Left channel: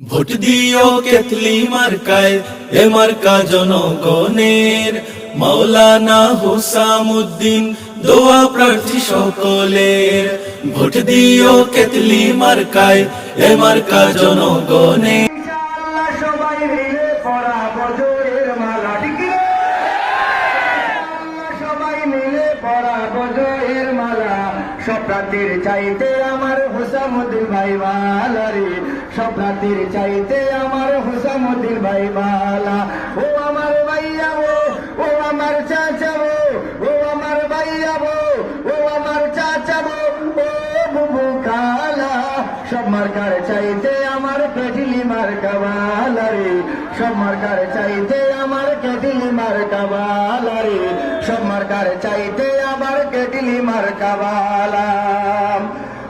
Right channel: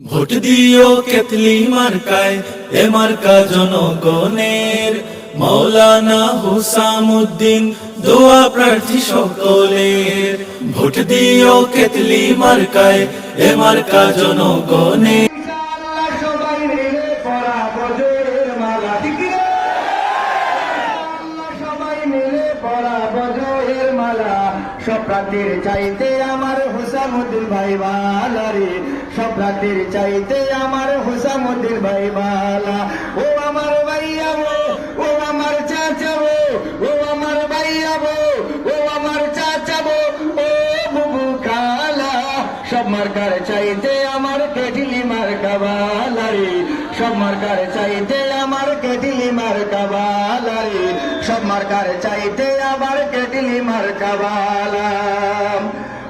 Vote দিও কেতলি মার্কায়, এ মার্কা জনগণের। মাওলানা হুসামুদ্দিন দোয়া প্রার্থী সকলের। ভোট দিও কেতলি মার্কায়, এ মার্কা জনগণের। সবাই মিলে পরাবো জোরের মালা, ঠিক রে? সবাই মিলে পরাবো জোরের মালা। সব রাতের চাইতে আমার হুসামুদ্দিন ভাই বালা রে, সব রাতের চাইতে আমার হুসামুদ্দিন ভাই বালা। ও আমার ভাইয়া গো, ও আমার চাচা গো, ও আমার ভাইয়া গো, ও আমার চাচা গো, ও বুবু কালা। সব মার্কার চাইতে আমার কেটলি মার্কা বালা রে, সব মার্কার চাইতে আমার কেটলি মার্কা বালা রে, সব মার্কার চাইতে আমার কেটলি মার্কা বালা।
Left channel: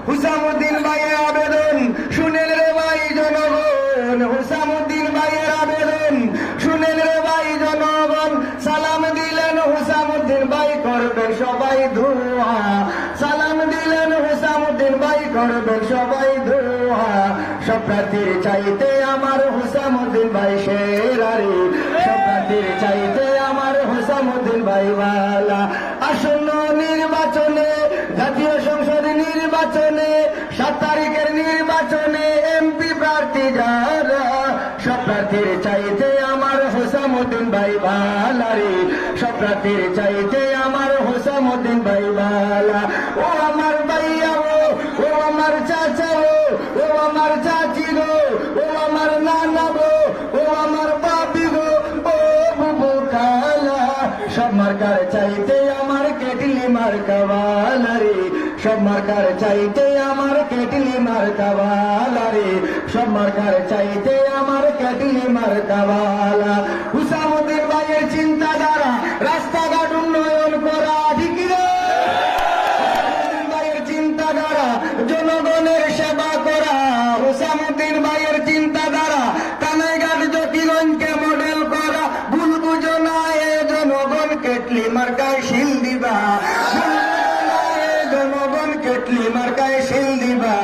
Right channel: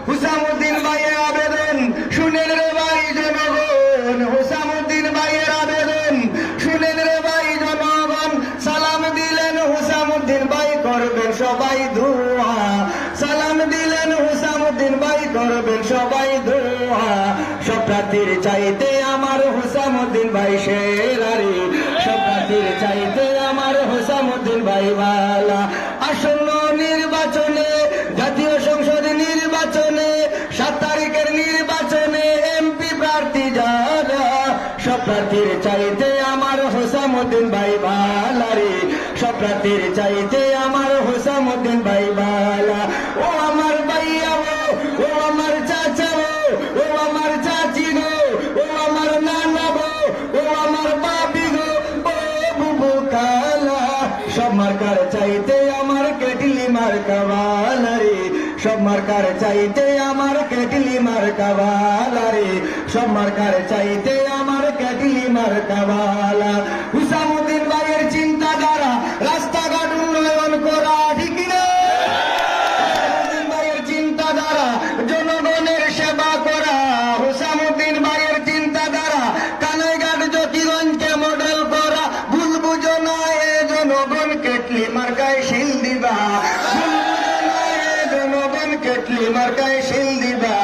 হুসামুদ্দিন ভাইয়ের আবেদন শুনেন রে ভাই জনগণ, হুসামুদ্দিন ভাইয়ের আবেদন শুনেন রে ভাই জনগণ। সালাম দিলেন হুসামুদ্দিন ভাই, করবেন সবাই দোয়া। সালাম দিলেন হুসামুদ্দিন ভাই, করবেন সবাই দোয়া। সব প্রার্থীর চাইতে আমার হুসামুদ্দিন ভাই সেরা রে, সব প্রার্থীর চাইতে আমার হুসামুদ্দিন ভাই বালা। আসন্ন নির্বাচনে, জাতীয় সংসদ নির্বাচনে, 7 তারিখের নির্বাচনে এমপি প্রার্থী যারা, সব প্রার্থীর চাইতে আমার হুসামুদ্দিন ভাই বালা রে, সব প্রার্থীর চাইতে আমার হুসামুদ্দিন ভাই বালা। ও আমার ভাইয়া গো, ও আমার চাচা গো, ও আমার চাচি গো, ও আমার নানা গো, ও আমার বাপি গো, ও বুবু কালা। সব মার্কার চাইতে আমার কেটলি মার্কা বালা রে, সব মার্কার চাইতে আমার কেটলি মার্কা বালা রে, সব মার্কার চাইতে আমার কেটলি মার্কা বালা। হুসামুদ্দিন ভাইয়ের চিন্তাধারা রাস্তাঘাট উন্নয়ন করা, ঠিক না? হুসামুদ্দিন ভাইয়ের চিন্তাধারা জনগণের সেবা করা। হুসামুদ্দিন ভাইয়ের চিন্তাধারা কানাইঘাট জ্যোতিগঞ্জকে মডেল করা। ভুল বুঝো না এ জনগণ, কেটলি মার্কায় শিল দিবা। জনগণ কেটলি মার্কায় শিল দিবা।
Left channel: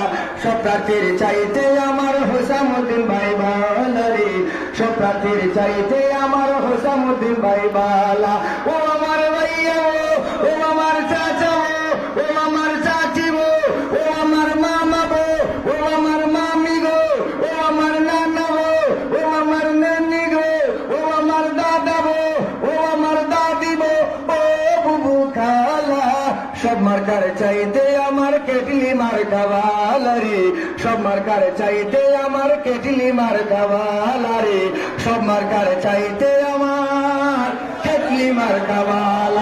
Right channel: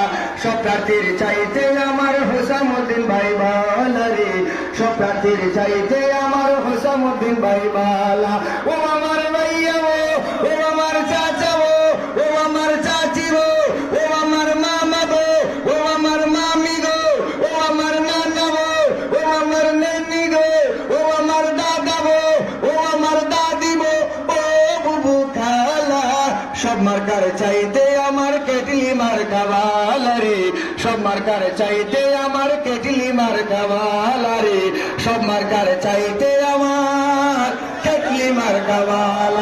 সব প্রার্থীর চাইতে আমার হুসামুদ্দিন ভাই বালা রে, সব প্রার্থীর চাইতে আমার হুসামুদ্দিন ভাই বালা। ও আমার ভাইয়া গো, ও আমার চাচা গো, ও আমার চাচি গো, ও আমার মামা গো, ও আমার মামি গো, ও আমার নানা গো, ও আমার নানি গো, ও আমার দাদা গো, ও আমার দাদি গো, ও বুবু খালা। সব মার্কার চাইতে আমার কেটলি মার্কা বালা রে, সব মার্কার চাইতে আমার কেটলি মার্কা বালা রে, সব মার্কার চাইতে আমার কেটলি মার্কা বালা।